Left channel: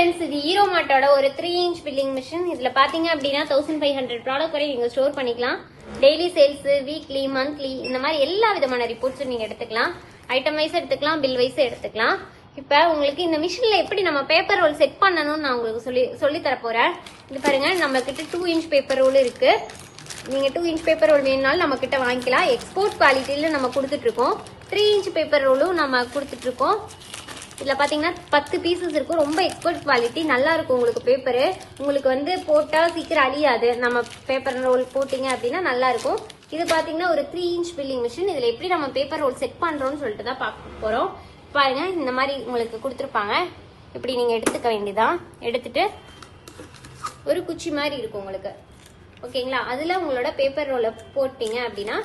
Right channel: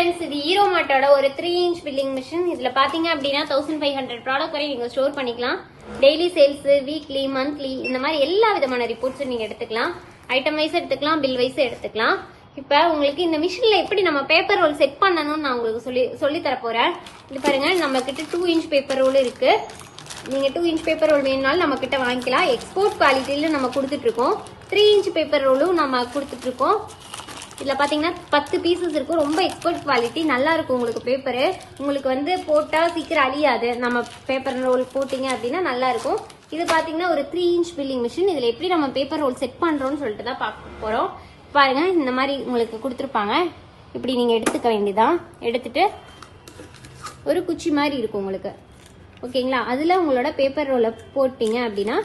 Friends, இது hero மார்ட்டோட ஒரு 3 inch billing machine. இதுல பாத்தீங்க அப்படின்னா 1500 ப்ராடக்ட் வரை நீங்க ஸ்டோர் பண்ணிக்கலாம். டெய்லி சேல்ஸ், வீக்லி, மந்த்லி இந்த மாதிரி எல்லா விதமான ரிப்போர்ட்ஸும் நீங்க எடுத்துக்கலாம். ஐட்டம் வைஸ் எடுத்துக்கலாம், பில் வைஸ் எடுத்துக்கலாம். இப்ப உங்களுக்கு இந்த மிஷின்ல எப்படி நம்ம பேப்பர் ரோல் செட் பண்ணணும்னு நான் உங்களுக்கு சொல்லி தர போறேன். இது பாருங்க, நம்ம கிட்ட 2 இன்ச் பேப்பர் ரோல் இருக்கு. நீங்க 2 இன்ச் பேப்பர் ரோல் வேணும்னாலும் நம்ம கிட்ட வாங்கிக்கலாம். எக்ஸ்போர்ட் குவாலிட்டியில நம்ம கொடுத்துட்டு இருக்கோம். 3 இன்ச் பேப்பர் ரோலும் நம்ம கொடுத்துட்டு இருக்கோம். இதுல பாத்தீங்கன்னா 10 பீசஸ் இருக்கு. ரொம்ப எக்ஸ்பர்ட் குவாலிட்டி, நல்லா இருக்கும். உங்களுக்கு பேப்பரு உங்களுக்கு வந்து போட்டா சீக்கிரம் அழியாது. நம்ம பேப்பர் ரோல் போட்டீங்க அப்படின்னா நல்லா இருக்கும். இது பாத்தீங்கன்னா ஒரு 3 இன்ச் பில்லிங் மிஷின். இதுல எப்படி நம்ம பேப்பர் ரோல் செட் பண்றோம்னு சொல்லிட்டு தான் பார்க்க போறோம். பாருங்க, இந்த மாதிரி உங்களுக்கு கொடுத்துருப்பாங்க. இப்படி நீங்க எடுத்துக்க வேண்டியதான். எடுத்துட்டு ஒரு குச்சி மாதிரி இருக்கும் உங்களுக்கு, ஓகேங்களா? அதுல உங்களோட பேப்பர் ரோலை போட்டீங்க அப்படின்னா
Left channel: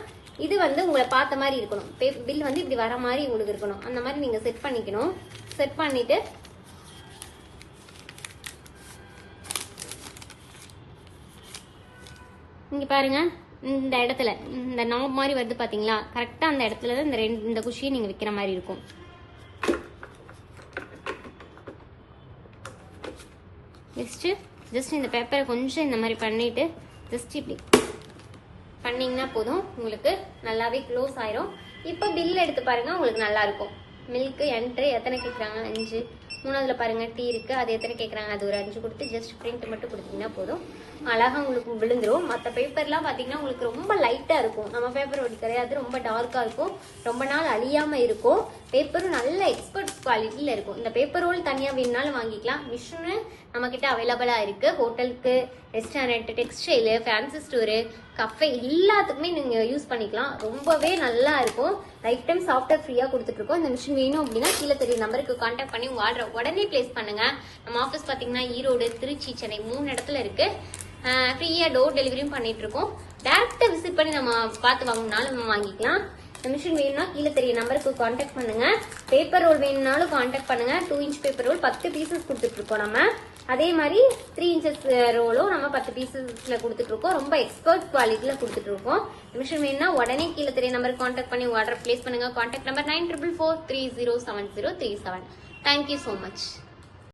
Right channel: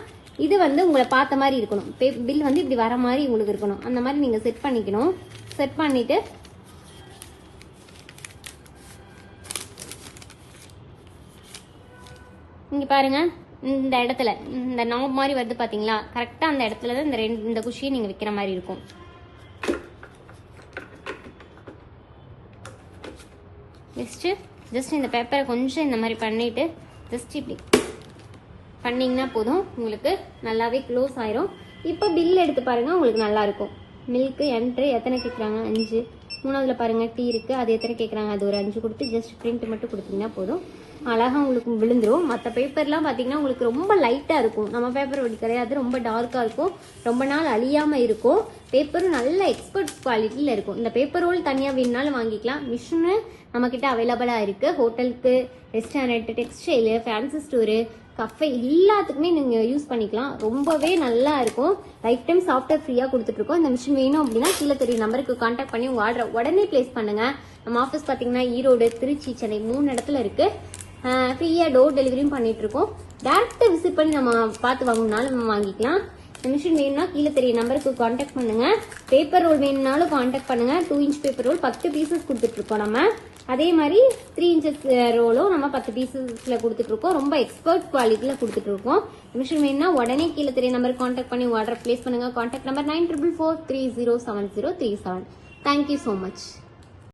இது வந்து உங்களை பார்த்த மாதிரி இருக்கணும். பில் வந்து இப்படி வர மாதிரி உங்களுக்கு இருக்கணும். அந்த மாதிரி நீங்க செட் பண்ணிக்கணும். செட் பண்ணிட்டு இங்க பாருங்க, இந்த இடத்துல இந்த நாப் மாதிரி வருது பாத்தீங்களா? கரெக்டா அந்த இடத்துல தான் இந்த குஷியை நீங்க வைக்கிற மாதிரி இருக்கும். ஜஸ்ட் இந்த பேப்பரை கொஞ்சம் இந்த மாதிரி பண்ணிட்டு ஜஸ்ட் இப்படி பண்ணீங்கன்னா போதும், உங்களுக்கு நல்லாவே க்ளோஸ் ஆயிரும். இப்போ பில் எடுத்து பாருங்க, உங்களுக்கு நல்லா இருக்கும். மில்க் என்ட்ரு எத்தனை கேட்குறாங்க? 5. மூணாவதுல பாருங்க டீ இருக்கு, அது எத்தனை கேட்குறாங்க? அது ஒரு 5 கொடுத்து ஜஸ்ட் பிரிண்ட் மட்டும் கொடுத்தீங்கன்னா போதும், அழகா உங்களுக்கு விழுந்துரும். மற்ற பேப்பர்லாம் பார்த்தீங்கன்னா உங்களுக்கு ரொம்ப லைட்டாக இருக்கும். நம்ம பேப்பர் அப்படி கிடையாது, ரொம்ப டார்க்காக இருக்கும். ரொம்ப நாள் அழியாம இருக்கும். பேப்பரும் நல்ல எக்ஸ்பர்ட் குவாலிட்டியில் இருக்கும். இந்த பேப்பர் ரோல் தனியாக வேணுனாலும் வாங்கிக்கலாம். மிஷினு நம்ம கிட்ட அவைலபிளாக இருக்கு. ஹோட்டலுக்கு, restaurant, textile, fancy store, cafe எல்லாத்துக்குமே நீங்க யூஸ் பண்ணிக்கலாம். ரொம்பவே நல்லா இருக்கும். லைஃப் டைம் சாஃப்ட்வேர் ஃப்ரீயா கொடுத்துட்டு இருக்கோம். இந்த மிஷின் வேணும் அப்படின்னா கீழே தெரிய நம்பருக்கு கான்டாக்ட் பண்ணி உங்க ஆர்டர் உடனே பிளேஸ் பண்ணுங்க. நம்ம ஆஃபீஸ் பாத்தீங்கன்னா ஈரோடு, திருச்சி, சென்னை 3 இடத்துல இருக்கு. ஃப்ரீயா டோர் டெலிவரியும் பண்ணிட்டு இருக்கோம். டேரக்டா விசிட் பண்ணி நம்ம பார்த்து வாங்கினாலும் நம்ம வாங்கிக்கலாம். மிஷின் வேணும்னா கீழே தெரிய நம்பருக்கு கான்டாக்ட் பண்ணுங்க. பேப்பர் ரோல் வேணும்னாலும் கான்டாக்ட் பண்ணுங்க. 2 இன்ச் பேப்பர் ரோல் 10 பீசஸ் கொடுத்துட்டு இருக்கோம் நம்ம. அதே மாதிரி 3 இன்ச்சஸ் ரோலும் நம்ம 10 பீசஸ்ல கொடுத்துட்டு இருக்கோம். ரொம்ப எக்ஸ்பர்ட் குவாலிட்டியில கொடுத்துட்டு இருக்கோம். மிஷின் வேணும்னா உடனே கீழே தெரிய நம்பருக்கு கான்டாக்ட் பண்ணி ஆர்டர் பிளேஸ் பண்ணுங்க. Contact number 9444307037. Thank you so much.